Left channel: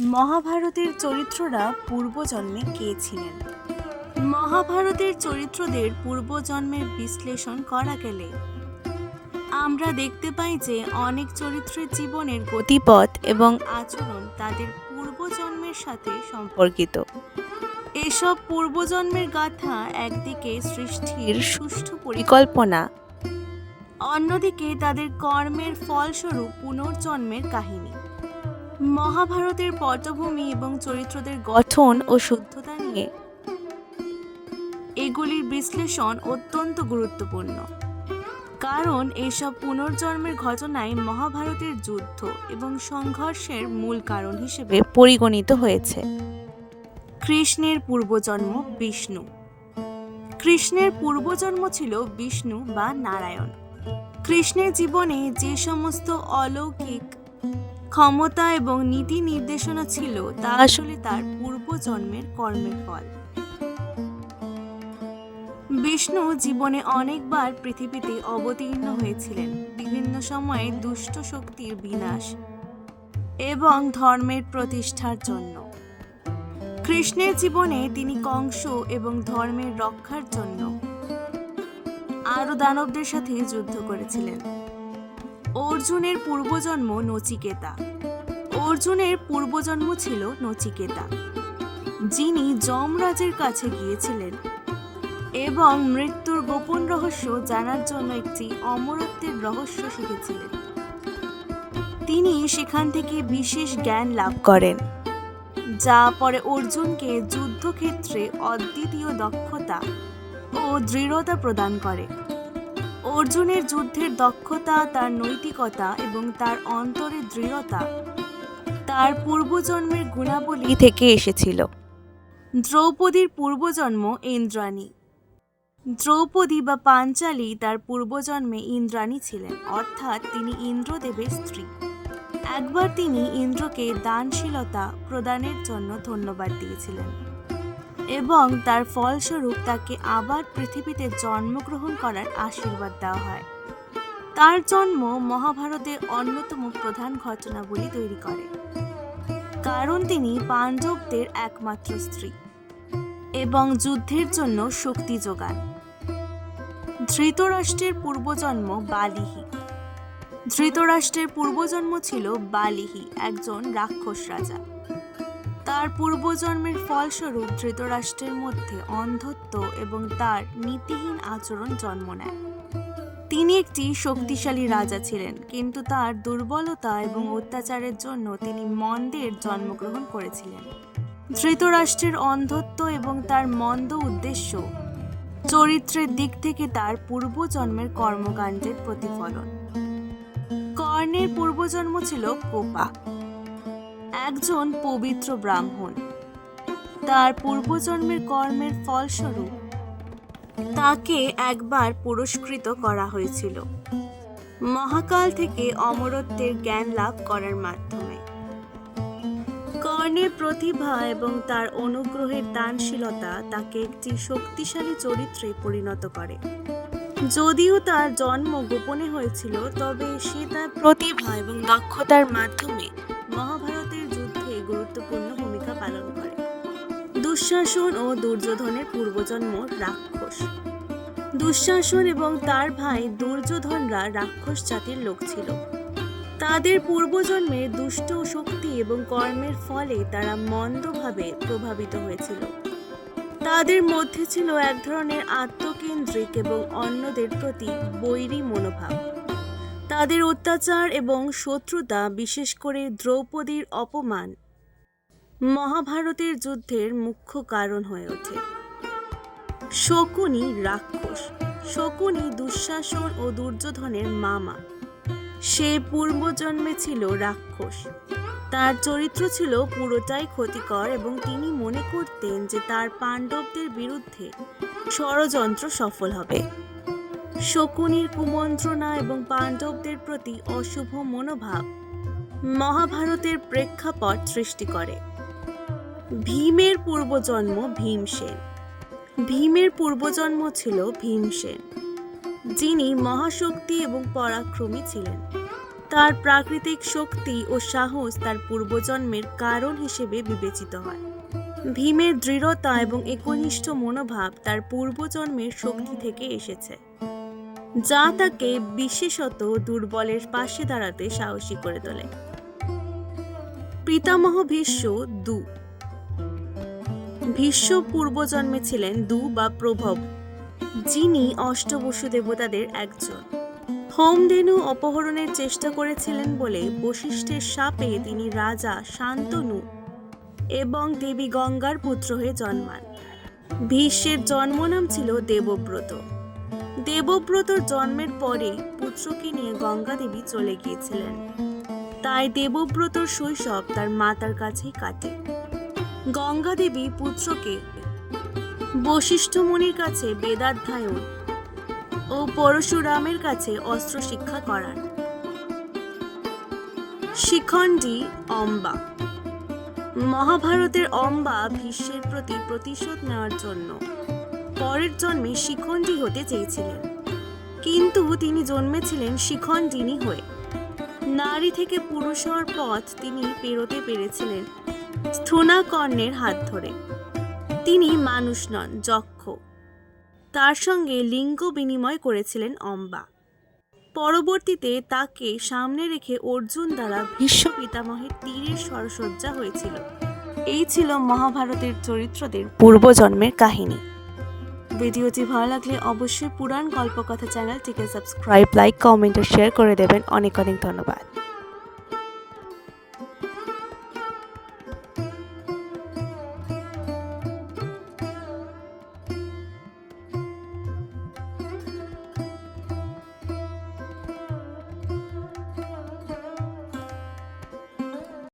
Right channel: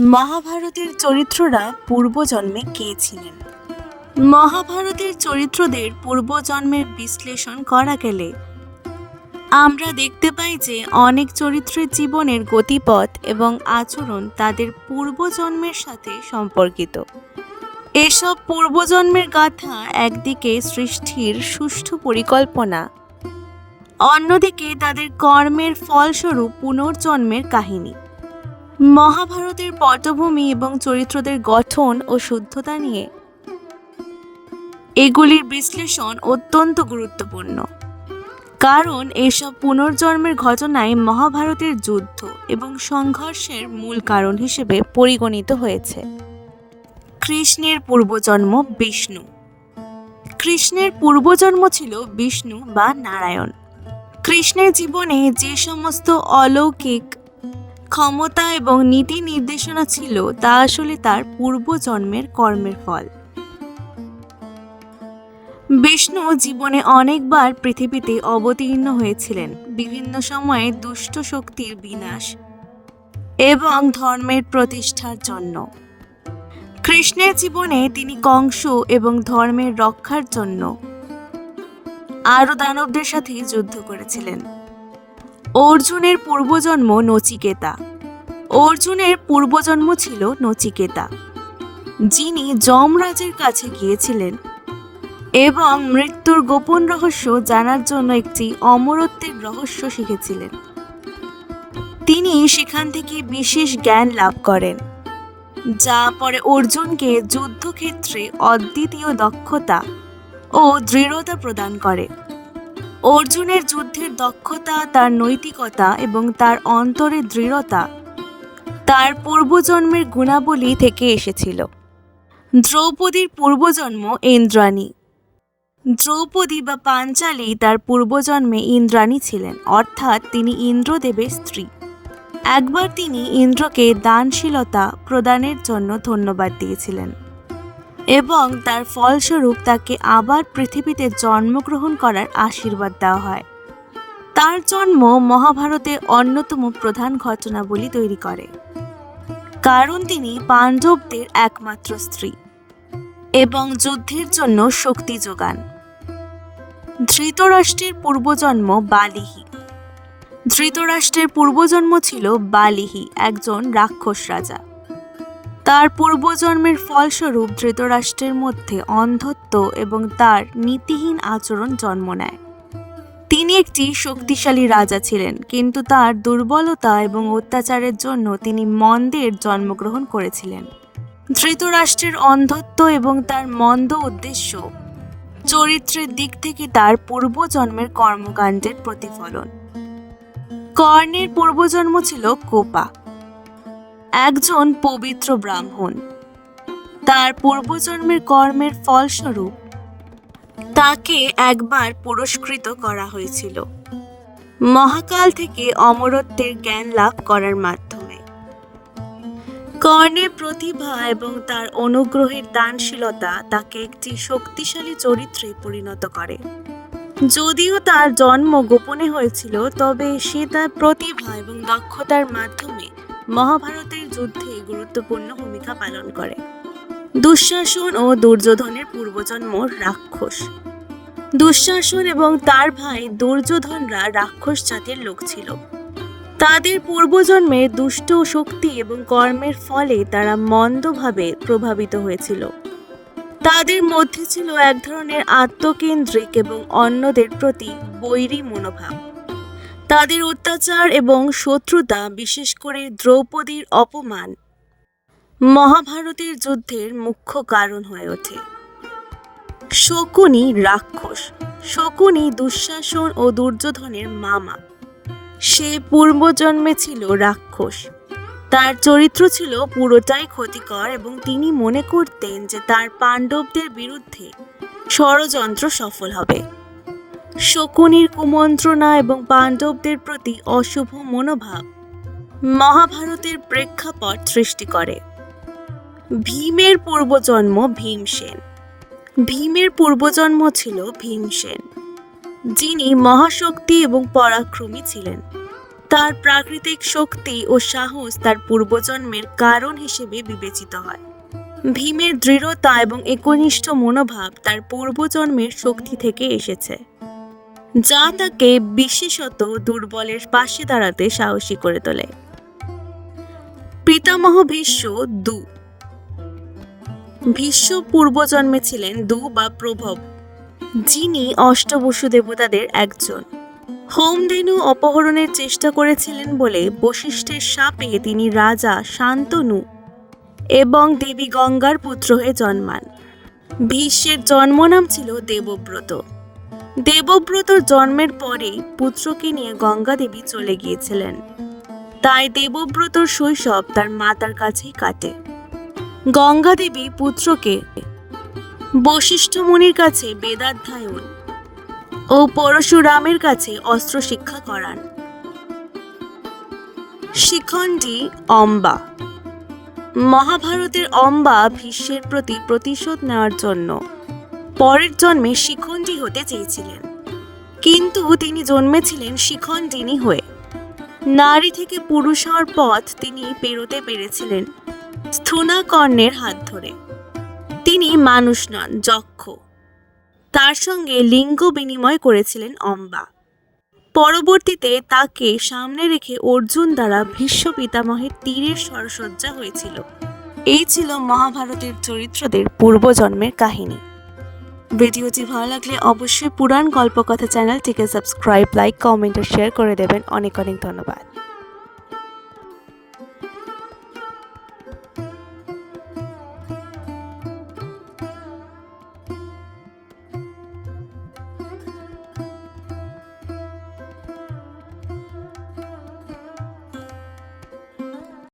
মহাভারতের চরিত্ররা পূর্বজন্মে কে ছিলেন? মহাভারতের চরিত্রদের পূর্বজন্মের বিশ্লেষণ করা গেলে আমরা দেখতে পাই যে অনেক চরিত্রের জীবনের গতিপথ এবং আচরণ তাদের পূর্বজন্মের সাথে সম্পর্কিত। এসব পূর্বজন্মের গাথা একদিকে সৃষ্টির সুষ্ঠু পরিকল্পনা, অন্যদিকে তাদের কর্মের ফলস্বরূপ পুনর্জন্মের কাহিনী। মহাভারতের পটভূমি এবং চরিত্রদের গঠন ও শুদ্ধতা নিয়ে এগুলির বিশ্লেষণ অত্যন্ত গুরুত্বপূর্ণ। কারণ এসব পুনর্জন্মের ঘটনায় মহাভারতের যুদ্ধ এবং সংঘর্ষের মূল কারণ হিসেবে পরিগণিত হয়েছে। কৃষ্ণের পূর্বজন্ম বিষ্ণু। কৃষ্ণের পূর্বজন্ম ছিল বিষ্ণু বা নারায়ণ। কৃষ্ণের জীবনে যে সমস্ত অলৌকিক ক্ষমতা এবং নীতি নির্দেশনা ছিল, তা আসলে তার পূর্বজন্মের কর্মের ফল। বিষ্ণু জীবনে অনেকবার পৃথিবীতে অবতীর্ণ হয়েছিলেন, বিভিন্ন সময়ে দুষ্ট শক্তির বিনাশ এবং ধর্মের প্রতিষ্ঠার জন্য। কৃষ্ণের জীবনে তিনি কংস এবং ধর্মের রক্ষার জন্য আরও দানবদের সাথে যুদ্ধ করেছিলেন। অর্জুনের পূর্বজন্ম নচিকেতা। অর্জুনের পূর্বজন্ম ছিল নচিকেতা। যিনি যমরাজের কাছে গিয়েছিলেন এবং মৃত্যুর গোপন রহস্য জানার জন্য একটি অমরত্বের রহস্য শিখেছিলেন। তিনি সেখান থেকে বিশেষ জ্ঞান লাভ করেন, যা পরে অর্জুনকে যুদ্ধক্ষেত্রে অদ্বিতীয় দক্ষতা ও দৃঢ়তা প্রদান করে। অর্জুনের যুদ্ধের দক্ষতা, তার নৈতিকতা এবং তার অন্তরের দৃঢ়তা তার পূর্বজন্মের গুণাবলী থেকে এসেছিল। দ্রৌপদীর পূর্বজন্ম ইন্দ্রাণী। দ্রৌপদী বা পাঞ্চালী তার পূর্বজন্মে ইন্দ্রাণী ছিলেন, অর্থাৎ তিনি ইন্দ্রদেবের স্ত্রী। একবার তিনি ইন্দ্রকে দানশীলতা প্রদানের জন্য ধন্যবাদ দিয়েছিলেন। এবং তার ফলস্বরূপ তাকে আবার পৃথিবীতে জন্মগ্রহণ করার আশীর্বাদ দেওয়া হয়। তার জন্ম মহাভারতের অন্যতম প্রধান ঘটনাবলী তৈরি করে। কারণ তিনি পাণ্ডবদের একমাত্র স্ত্রী এবং যুদ্ধের জন্য শক্তি যোগান। ধৃতরাষ্ট্রের পূর্বজন্ম বালিহি। ধৃতরাষ্ট্রের পূর্বজন্ম ছিল বালিহি, একজন রাক্ষস রাজা। তার পূর্বজন্মের ফলস্বরূপ ধৃতরাষ্ট্রের মধ্যে অন্ধত্ব এবং তার নীতিহীন আচরণ জন্ম নেয়। তিনি একটি শক্তিশালী রাজা ছিলেন, কিন্তু তার দুর্বলতা এবং অত্যাচারের জন্য তিনি মন্দের জন্মগ্রহণ করেছিলেন। ধৃতরাষ্ট্রের অন্ধত্ব এবং তার মন্দ উদ্দেশ্য চরিত্রের দিক থেকে তার পূর্বজন্মের কর্মকাণ্ডের প্রতিফলন। কর্ণের পূর্বজন্ম ছিল কোপা। একজন পবিত্র ব্রাহ্মণ। তার পূর্বজন্মের কর্মের ফলস্বরূপ তাকে একবার পুরস্কৃত করা হয়েছিল। মহাকাল থেকে অমরত্বের জ্ঞান লাভ করার মাধ্যমে। কর্ণের প্রতিভা এবং তার অনুগ্রহের দানশীলতা তাকে একটি শক্তিশালী চরিত্রে পরিণত করে। যদিও তার জন্ম গোপনে হয়েছিল, তবে সে তার প্রতিভা এবং দক্ষতার মাধ্যমে মহাভারতের যুদ্ধে গুরুত্বপূর্ণ ভূমিকা পালন করে। দুঃশাসন ও দুর্যোধনের পূর্বজন্ম রাক্ষস। দুঃশাসন এবং তার ভাই দুর্যোধনরা রাক্ষস জাতির লোক ছিল। তাদের পূর্বজন্মে দুষ্ট শক্তি এবং কর্মের ফলে তারা মন্দভাবে প্রভাবিত হয়েছিল। তাদের মধ্যে ছিল এক ধরনের আত্মকেন্দ্রিক এবং অন্যদের প্রতি বৈরী মনোভাব। তাদের অত্যাচার এবং শত্রুতা, বিশেষ করে দ্রৌপদীর অপমান, মহাভারতের যুদ্ধের মুখ্য কারণ হয়ে ওঠে। শকুনি রাক্ষস, শকুনি দুঃশাসন ও দুর্যোধনের মামা। সে পূর্বজন্মে ছিল রাক্ষস। তার চরিত্র ছিল পুরোটাই ক্ষতিকর এবং তিনি মনে করতেন যে তার পাণ্ডবদের বিরুদ্ধে ষড়যন্ত্র সফল হবে। শকুনির কুমন্ত্রণা এবং পাণ্ডবদের প্রতি অশুভ মনোভাব মহাভারতের প্রেক্ষাপট সৃষ্টি করে। ভীমের পূর্বজন্ম ভীমসেন। ভীমের পূর্বজন্ম ছিল ভীমসেন। যিনি মহাশক্তি এবং পরাক্রমী ছিলেন। তার প্রাকৃতিক শক্তি ও সাহস তার পূর্বজন্মের কারণ হিসেবে বিবেচিত হয়। ভীমের দৃঢ়তা এবং একনিষ্ঠ মনোভাব তার পূর্বজন্মের শক্তি থেকে এসেছে। যা তাকে বিশেষত দুর্বলের পাশে দাঁড়াতে সাহসী করে তোলে। পিতামহ ভীষ্ম দু। ভীষ্ম পূর্বজন্মে ছিলেন দু বা প্রভব, যিনি অষ্টবসু দেবতাদের একজন। হোমধেনু অপহরণের চেষ্টা করেছিলেন বলে বশিষ্ঠের সাপে তিনি রাজা শান্তনু এবং দেবী গঙ্গার পুত্র হয়ে জন্মান। ভীষ্মের জন্মনাম ছিল দেবব্রত। দেবব্রতর জন্মের পরে পুত্রকে নিয়ে গঙ্গা দেবী চলে গিয়েছিলেন। তাই দেবব্রতর শৈশব তার মাতার কাছেই কাটে। গঙ্গা দেবী পুত্রকে বশিষ্ঠ মুনির কাছে বেদাধ্যায়ন ও পরশুরামের কাছে অস্ত্র শিক্ষা করান। শিখণ্ডী অম্বা। মহাভারতের অম্বা ভীষ্মের প্রতি প্রতিশোধ নেওয়ার জন্য পরের জন্মে শিখণ্ডী হতে চেয়েছিলেন। কিন্তু তিনি জন্মেছিলেন শিখণ্ডিনী হয়ে। নারী থেকে পুরুষ হওয়ার পথ তিনি পেরোতে পেরেছিলেন স্থূনাকর্ণের হাত ধরে। তিনি মানুষ নন, যক্ষ। তার সঙ্গে লিঙ্গ বিনিময় করেছিলেন অম্বা। পরবর্তীতে তাকে সামনে রেখে অর্জুন দ্বারা ভীষ্ম পিতামহের তীরের সরসজ্জা হয়েছিল। এই ছিল মহাভারতের চরিত্রদের পূর্বজন্মের কাহিনী। ভিডিওটি ভালো লাগলে অবশ্যই পুরাণ গল্পকথা চ্যানেলটিকে সাবস্ক্রাইব, লাইক, কমেন্ট আর শেয়ার করে দেবেন। অনেক অনেক ধন্যবাদ।